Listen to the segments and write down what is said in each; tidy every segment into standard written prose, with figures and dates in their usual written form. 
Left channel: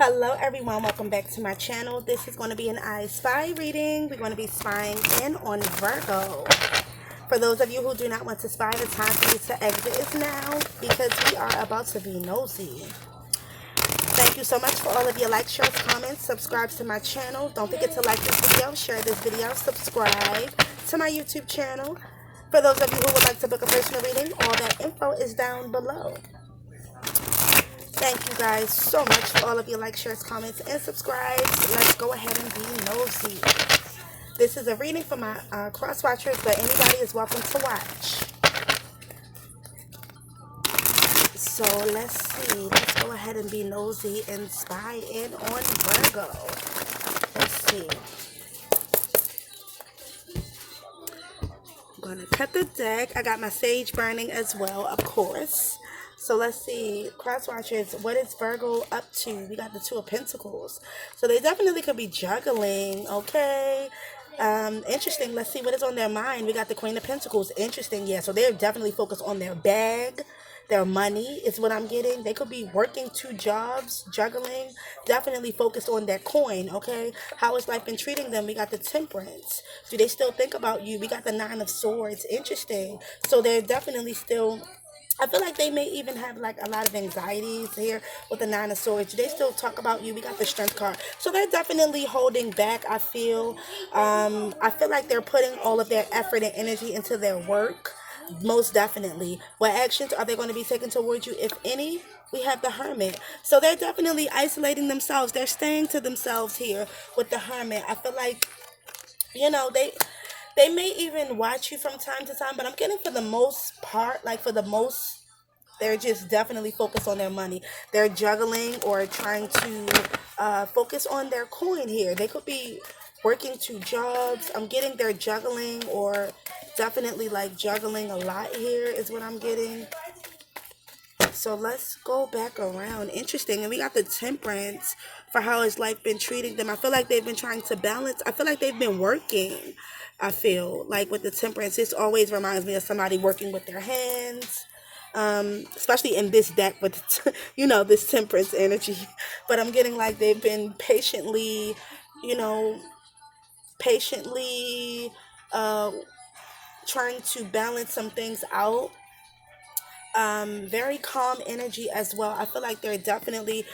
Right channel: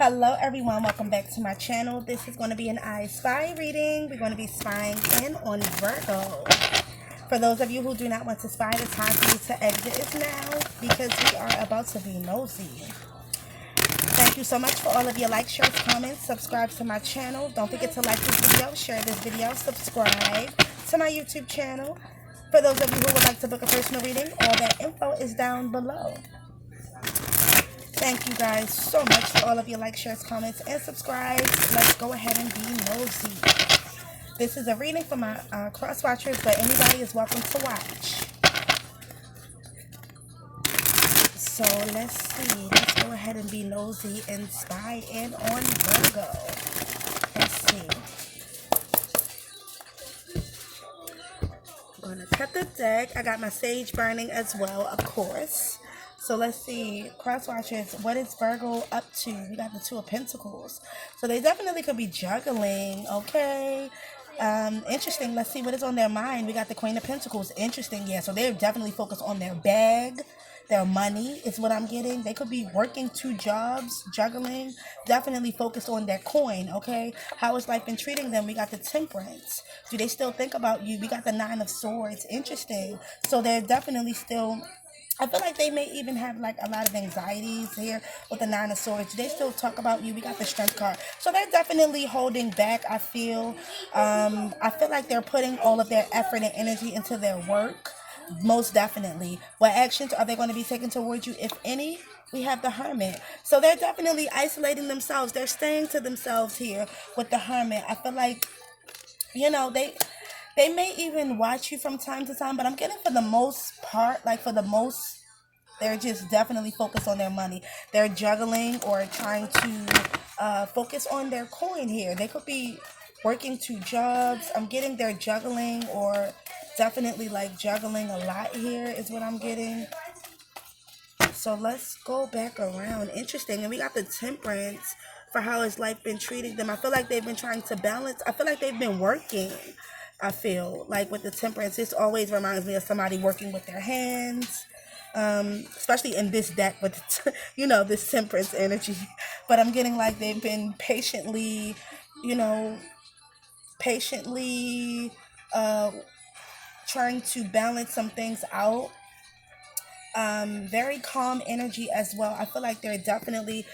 Hello everyone, welcome back to my channel. This is going to be an I Spy reading. We're going to be spying in on Virgo. For those of you who do not want to spy, the time for you to exit is now because we are about to be nosy. Thank you so much for all of your likes, shares, comments, subscribe to my channel. Don't forget to like this video, share this video, subscribe to my YouTube channel. For those of you who would like to book a personal reading, all that info is down below. Thank you guys so much for all of your likes, shares, comments, and subscribes. Let's go ahead and be nosy. This is a reading for my cross watchers, but anybody is welcome to watch. So let's see. Let's go ahead and be nosy and spy in on Virgo. Let's see. I'm going to cut the deck. I got my sage burning as well, of course. So let's see, cross watchers, what is Virgo up to? We got the Two of Pentacles. So they definitely could be juggling, okay? Interesting. Let's see what is on their mind. We got the Queen of Pentacles. Interesting, yeah. So they're definitely focused on their bag, their money is what I'm getting. They could be working two jobs, juggling, definitely focused on their coin, okay? How has life been treating them? We got the Temperance. Do they still think about you? We got the Nine of Swords. Interesting. So they're definitely still... I feel like they may even have like a lot of anxieties here with the Nine of Swords. They still talk about you. We got the Strength card. So they're definitely holding back, I feel. I feel like they're putting all of their effort and energy into their work. Most definitely. What actions are they going to be taking towards you, if any? We have the Hermit. So they're definitely isolating themselves. They're staying to themselves here with the Hermit. I feel like, you know, they may even watch you from time to time, but I'm getting for the most part, like for the most, they're just definitely focused on their money. They're juggling or trying to focus on their coin here. They could be working two jobs. I'm getting they're juggling or definitely like juggling a lot here is what I'm getting. So let's go back around. Interesting. And we got the Temperance for how has life been treating them. I feel like they've been trying to balance. I feel like they've been working. I feel like with the Temperance, this always reminds me of somebody working with their hands. Especially in this deck with, you know, this Temperance energy. But I'm getting like they've been patiently, you know, patiently trying to balance some things out. Very calm energy as well. I feel like they're definitely,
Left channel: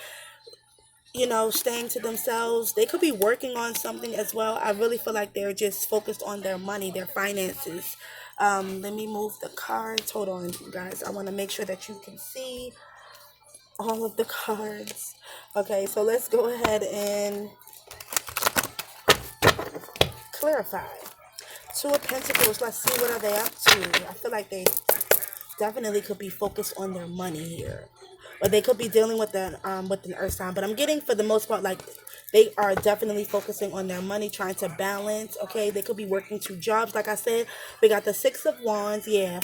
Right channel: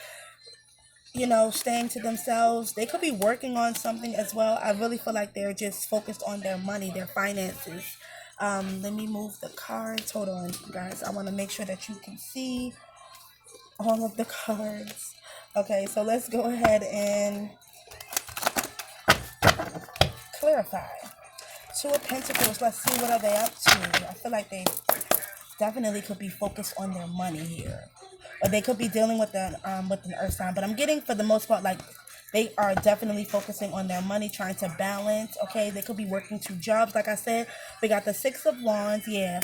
you know, staying to themselves. They could be working on something as well. I really feel like they're just focused on their money, their finances. Let me move the cards. Hold on, guys. I want to make sure that you can see all of the cards. Okay, so let's go ahead and clarify. Two of Pentacles. Let's see what are they up to. I feel like they definitely could be focused on their money here, or they could be dealing with an earth sign. But I'm getting for the most part like they are definitely focusing on their money, trying to balance. Okay, they could be working two jobs. Like I said, we got the Six of Wands. Yeah,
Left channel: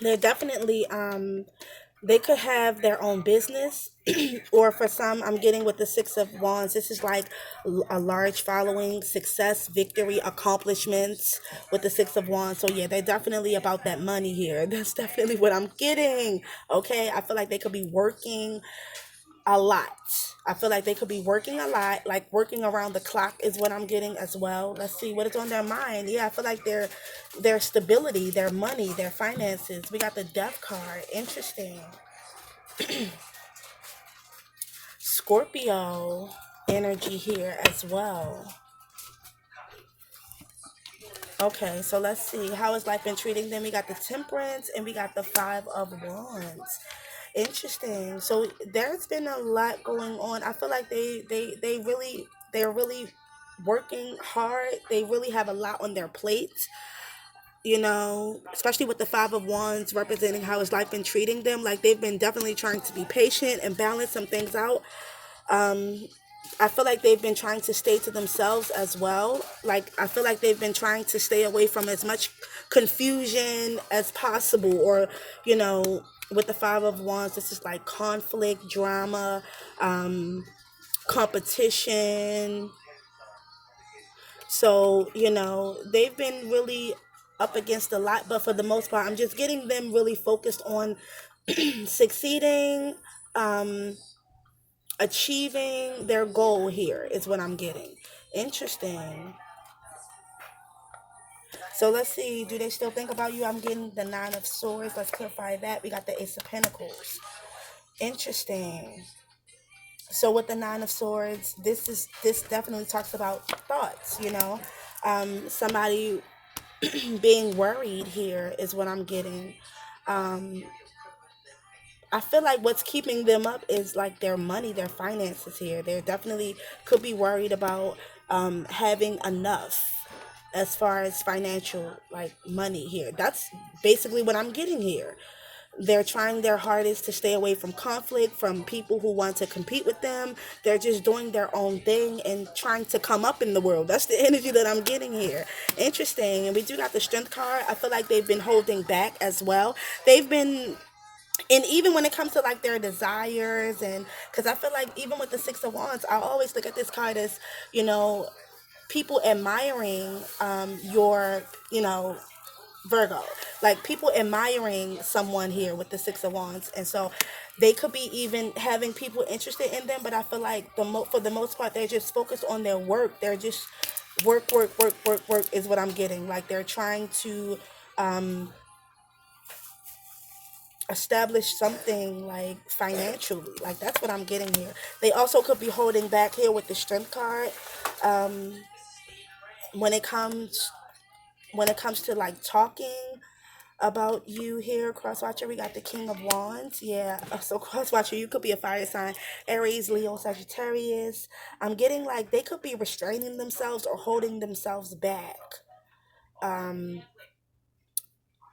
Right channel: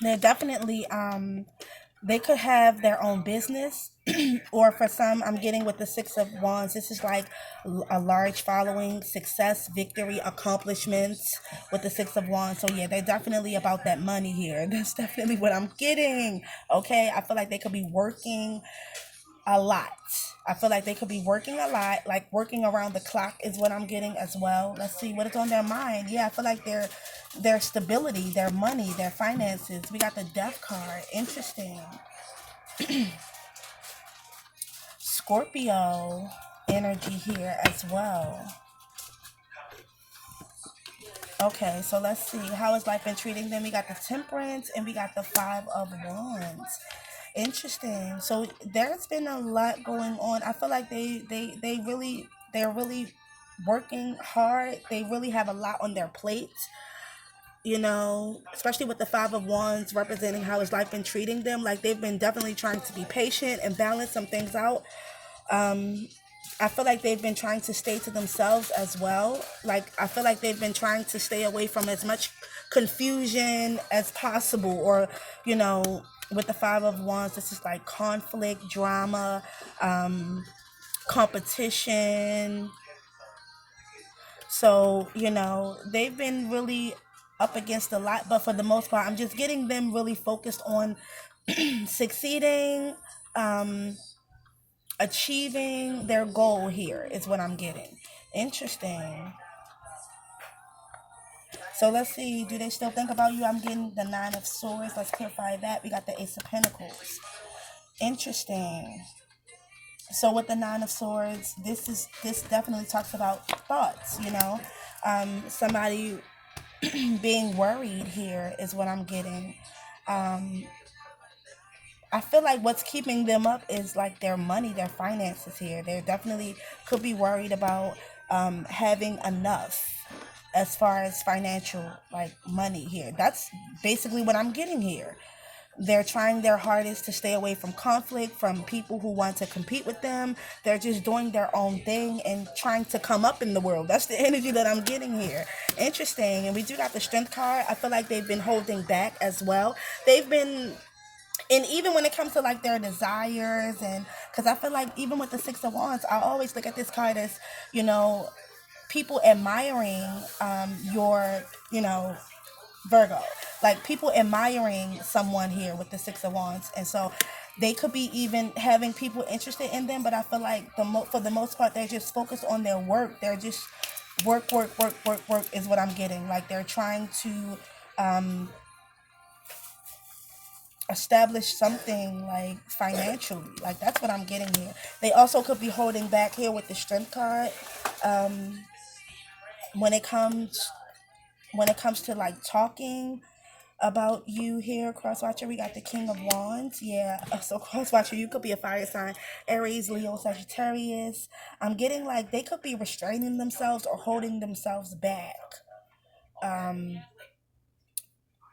they're definitely they could have their own business. Or for some, I'm getting with the Six of Wands, this is like a large following, success, victory, accomplishments with the Six of Wands. So yeah, they're definitely about that money here. That's definitely what I'm getting. Okay, I feel like they could be working a lot. I feel like they could be working a lot, like working around the clock is what I'm getting as well. Let's see what is on their mind. Yeah, I feel like their stability, their money, their finances. We got the Death card. Interesting. Scorpio energy here as well. Okay, so let's see. How has life been treating them? We got the Temperance and we got the Five of Wands. Interesting. So there's been a lot going on. I feel like they're really working hard. They really have a lot on their plate. You know, especially with the Five of Wands representing how has life been treating them. Like they've been definitely trying to be patient and balance some things out. I feel like they've been trying to stay to themselves as well. Like, I feel like they've been trying to stay away from as much confusion as possible. Or, you know, with the Five of Wands, this is like conflict, drama, competition. So, you know, they've been really up against a lot. But for the most part, I'm just getting them really focused on succeeding, um, achieving their goal here is what I'm getting. Interesting. So let's see, do they still think about you? I'm getting the Nine of Swords. Let's clarify that. We got the Ace of Pentacles. Interesting. So with the Nine of Swords, this definitely talks about thoughts, you know. Somebody being worried here is what I'm getting. Um, I feel like what's keeping them up is like their money, their finances here. They're definitely could be worried about having enough as far as financial like money here. That's basically what I'm getting here. They're trying their hardest to stay away from conflict, from people who want to compete with them. They're just doing their own thing and trying to come up in the world. That's the energy that I'm getting here. Interesting. And we do got the Strength card. I feel like they've been holding back as well. They've been, and even when it comes to like their desires, and because I feel like even with the Six of Wands, I always look at this card as, you know, people admiring your, you know, Virgo, like people admiring someone here with the Six of Wands, and so they could be even having people interested in them. But I feel like for the most part, they're just focused on their work. They're just work is what I'm getting. Like they're trying to establish something like financially. Like that's what I'm getting here. They also could be holding back here with the Strength card. When it comes to like talking about you here, cross watcher, we got the King of Wands. Yeah, so cross watcher, you could be a fire sign, Aries, Leo, Sagittarius. I'm getting like they could be restraining themselves or holding themselves back.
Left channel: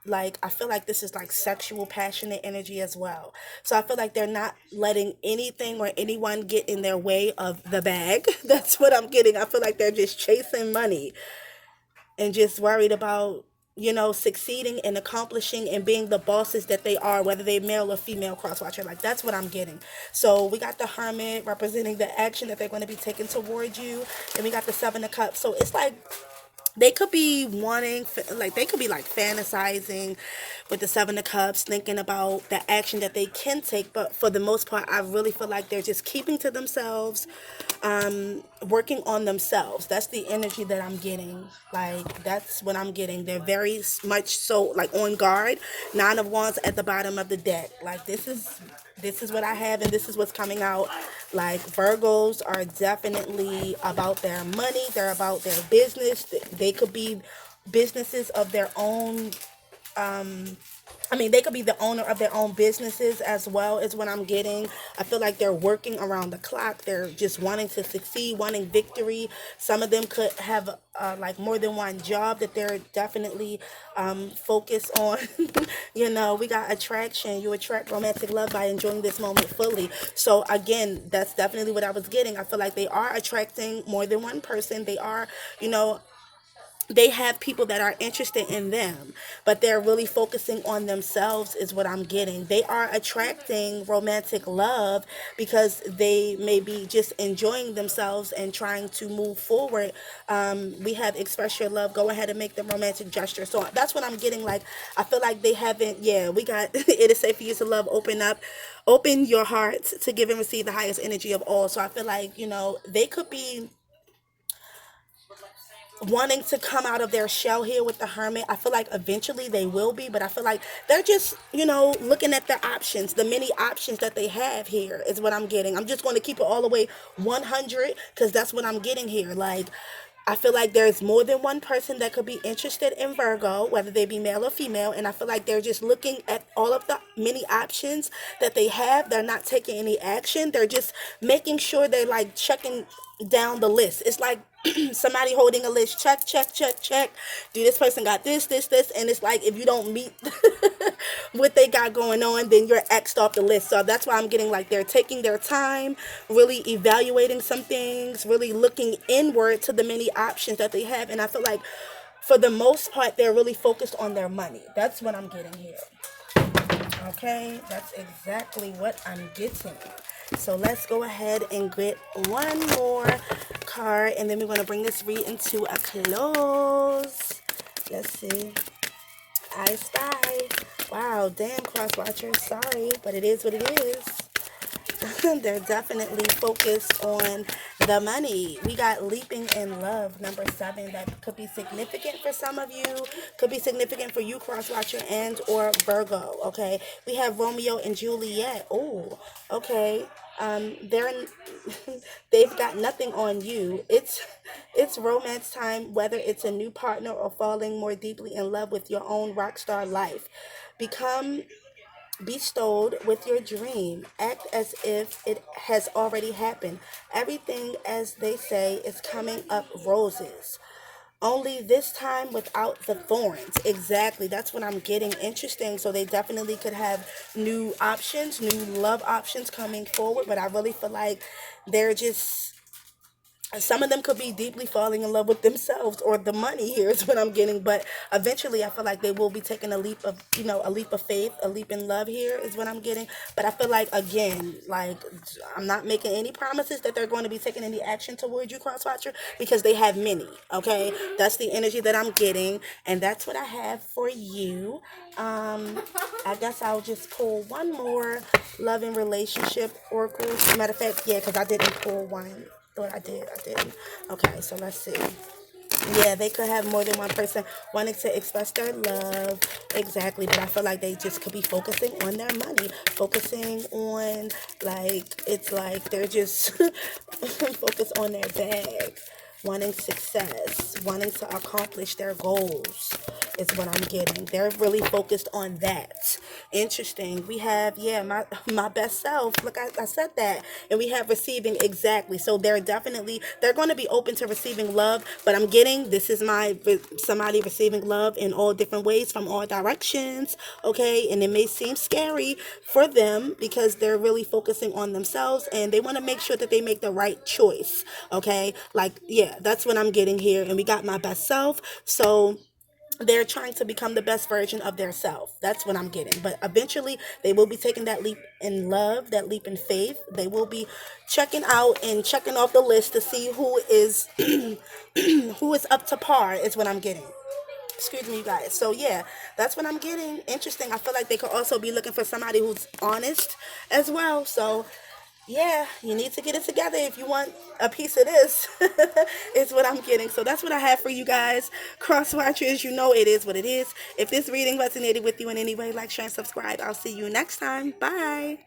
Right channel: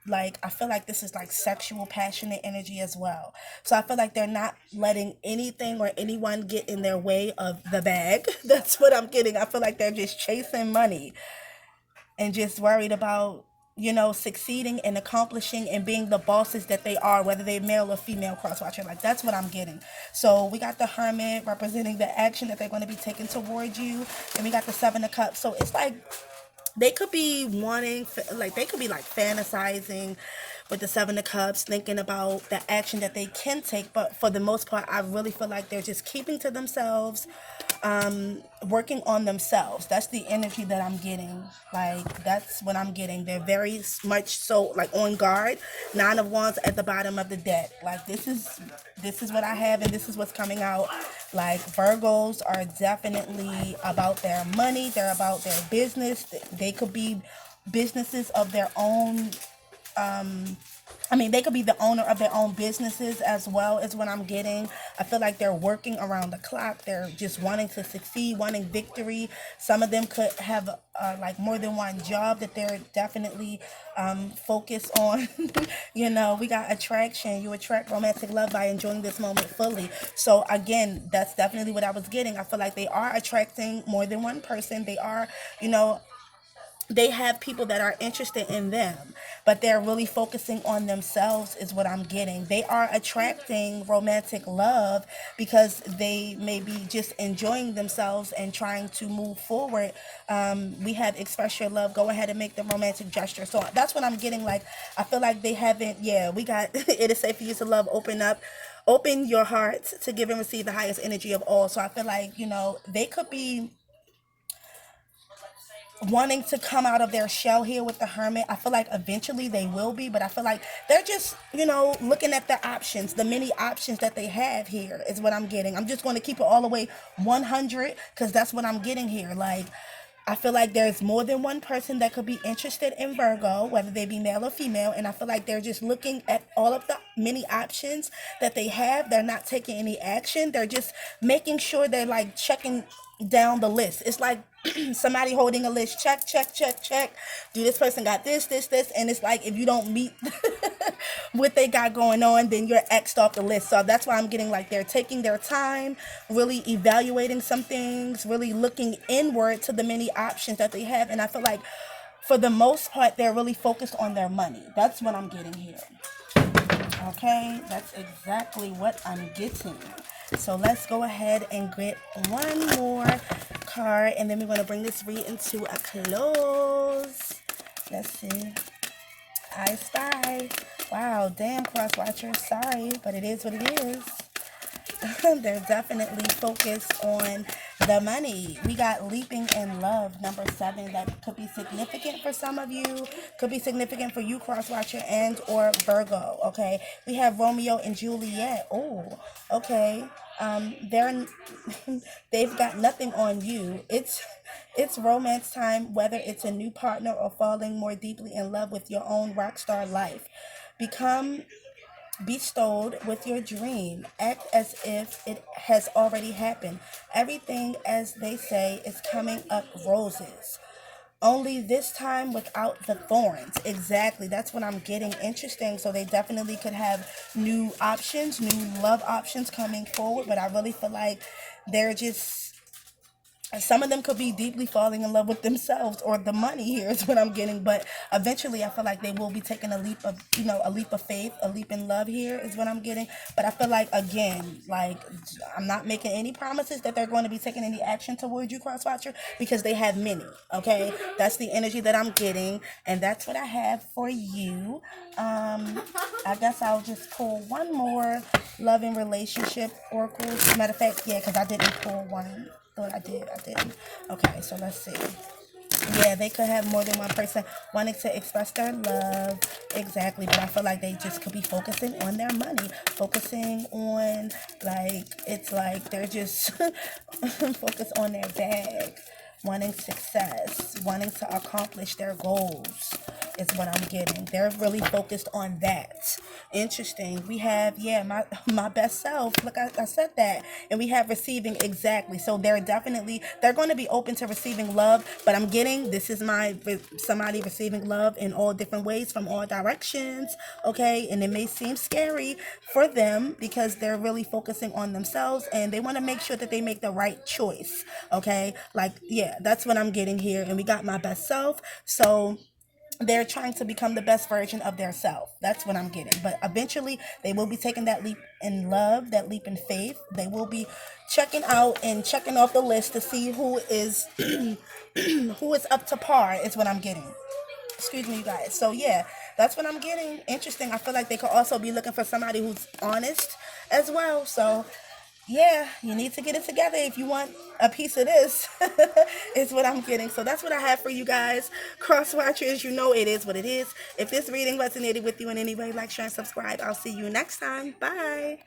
Like I feel like this is like sexual passionate energy as well, so I feel like they're not letting anything or anyone get in their way of the bag. That's what I'm getting. I feel like they're just chasing money and just worried about, you know, succeeding and accomplishing and being the bosses that they are, whether they're male or female, cross watcher. Like that's what I'm getting. So we got the Hermit representing the action that they're going to be taking towards you, and we got the Seven of Cups. So it's like they could be wanting, like they could be like fantasizing with the Seven of Cups, thinking about the action that they can take. But for the most part, I really feel like they're just keeping to themselves, working on themselves. That's the energy that I'm getting. Like that's what I'm getting. They're very much so like on guard. Nine of Wands at the bottom of the deck. Like this is what I have, and this is what's coming out. Like Virgos are definitely about their money. They're about their business. They could be businesses of their own. They could be the owner of their own businesses as well, is what I'm getting. I feel like they're working around the clock. They're just wanting to succeed, wanting victory. Some of them could have like more than one job that they're definitely focused on. You know, we got attraction. You attract romantic love by enjoying this moment fully. So again, that's definitely what I was getting. I feel like they are attracting more than one person. They are, you know, they have people that are interested in them, but they're really focusing on themselves is what I'm getting. They are attracting romantic love because they may be just enjoying themselves and trying to move forward. We have express your love, go ahead and make the romantic gesture. So that's what I'm getting. Like I feel like they haven't, yeah, we got it is safe for you to love, open your heart to give and receive the highest energy of all. So I feel like, you know, they could be wanting to come out of their shell here with the Hermit. I feel like eventually they will be, but I feel like they're just, you know, looking at their options, the many options that they have here is what I'm getting. I'm just going to keep it all the way 100 because that's what I'm getting here. Like, I feel like there's more than one person that could be interested in Virgo, whether they be male or female. And I feel like they're just looking at all of the many options that they have. They're not taking any action. They're just making sure they're like checking down the list. It's like somebody holding a list. Check, check, check, check. Do this person got this? And it's like if you don't meet what they got going on, then you're X'd off the list. So that's why I'm getting like they're taking their time, really evaluating some things, really looking inward to the many options that they have. And I feel like for the most part, they're really focused on their money. That's what I'm getting here. Okay, that's exactly what I'm getting. So let's go ahead and get one more card, and then we're going to bring this reading to a close. Let's see. I Spy. Wow, damn, cross watchers. Sorry, but it is what it is. They're definitely focused on the money. We got leaping in love, number 7. That could be significant for some of you. Could be significant for you, cross watcher and or Virgo. Okay. We have Romeo and Juliet. Oh, okay. They're they've got nothing on you. It's romance time, whether it's a new partner or falling more deeply in love with your own rock star life. Become bestowed with your dream. Act as if it has already happened. Everything, as they say, is coming up roses. Only this time without the thorns. Exactly. That's what I'm getting. Interesting. So they definitely could have new options, new love options coming forward. But I really feel like they're just, some of them could be deeply falling in love with themselves or the money here is what I'm getting. But eventually I feel like they will be taking a leap of, a leap of faith, a leap in love here is what I'm getting. But I feel like, again, like, I'm not making any promises that they're going to be taking any action towards you, crosswatcher, because they have many. Okay, that's the energy that I'm getting, and that's what I have for you. I guess I'll just pull one more love and relationship oracle. Matter of fact, yeah, because I didn't pull one. Thought I did. I didn't. Okay, so let's see. Yeah, they could have more than one person wanting to express their love. Exactly. But I feel like they just could be focusing on their money, focusing on, like, it's like they're just focused on their bag, wanting success, wanting to accomplish their goals is what I'm getting. They're really focused on that. Interesting. We have, yeah, my best self. Look, I said that. And we have receiving, exactly. So they're going to be open to receiving love. But I'm getting, this is somebody receiving love in all different ways from all directions. Okay. And it may seem scary for them because they're really focusing on themselves and they want to make sure that they make the right choice. Okay. Like, yeah, that's what I'm getting here. And we got my best self. So they're trying to become the best version of their self. That's what I'm getting. But eventually they will be taking that leap in love, that leap in faith. They will be checking out and checking off the list to see who is who is up to par is what I'm getting. Excuse me, you guys. So yeah, that's what I'm getting. Interesting. I feel like they could also be looking for somebody who's honest as well. So yeah, you need to get it together if you want a piece of this. Is what I'm getting. So that's what I have for you guys. Cross watchers, you know it is what it is. If this reading resonated with you in any way, like, share, and subscribe. I'll see you next time. Bye.